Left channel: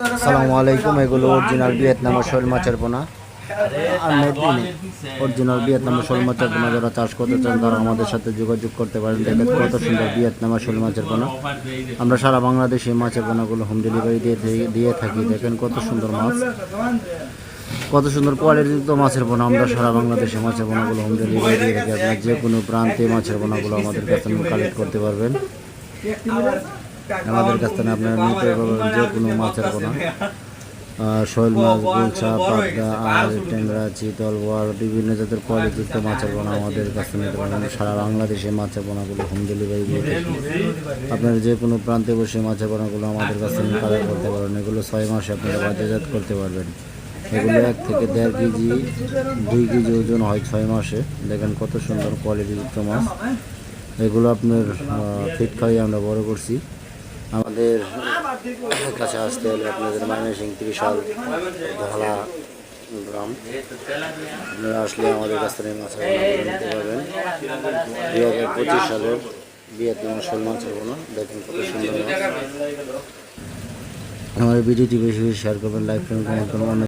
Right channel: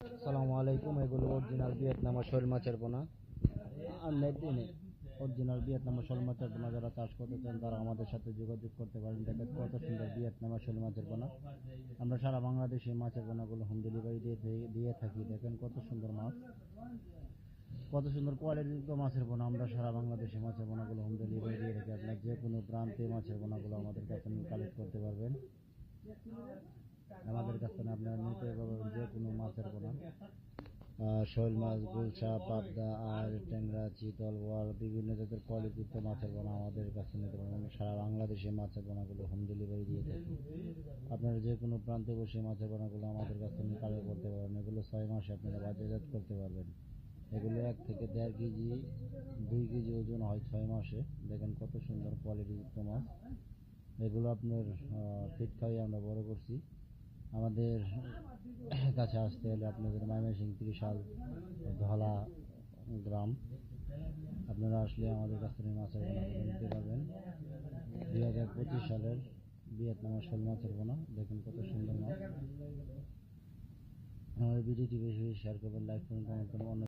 আসসালামু আলাইকুম। এগুলো অরিজিনাল ভিয়েতনামের শোল মাছের পোনা আর মেদিনী অরিজিনাল ভিয়েতনামের শোল মাছের পোনা। যারা চাষ করতে চান তারা আমাদের সাথে যোগাযোগ করতে পারেন। দেখেন কত সুন্দর ভিয়েতনামের শোল মাছের পোনা। আমরা সারা বাংলাদেশে এই মাছের পোনাগুলো হোম ডেলিভারি দিয়ে থাকি। দেখেন কত সুন্দর মাছ, কত সুন্দর কোয়ালিটিযুক্ত মাছের পোনা। আমরা সারা বাংলাদেশে মাছের পোনাগুলো হোম ডেলিভারি দিয়ে থাকি। আপনার যে কোনো প্রান্তে মাছের পোনাগুলো আমাদের কাছ থেকে কালেক্ট করতে পারবেন। আমাদের কাছ থেকে আপনারা নিতে পারবেন যে কোনো মাছের পোনা, শোল মাছ, গুলশা, পাবদা, আর ট্যাংরা, চিতল, বোয়াল, বিভিন্ন জাতের কোয়ালিটিযুক্ত মাছের পোনা আমাদের কাছে নিতে পারবেন। সারা বাংলাদেশে মাছের পোনাগুলো হোম ডেলিভারি দিয়ে থাকি। আপনারা যে কোনো প্রান্তে বসে মাছের পোনাগুলো আমাদের কাছে নিয়ে কালেক্ট করতে পারবেন। এগুলো 6 মাসে আপনারা বাজারজাত করতে পারবেন। এগুলো 1 থেকে 1.5 কেজি 2 কেজি ওজন হয় 6 মাসে। দেখেন কত সুন্দর কোয়ালিটিযুক্ত মাছ। এগুলো আপনার ফিট খাইয়ে আমরা বড় করছি। আমাদের কাছে আসতে হলে আপনাদের ময়মনসিংহ 30 ধলা গ্রাম, আপনারা আসলে আমাদের কাছ থেকে মাছের পোনা নিতে পারবেন। 2025 সালের ভিয়েতনামের শোল মাছের পোনা। দেখেন কত সুন্দর মাছ। আমাদের ভিডিওটি বেশি বেশি শেয়ার করবেন, লাইক করবেন, কমেন্ট করবেন।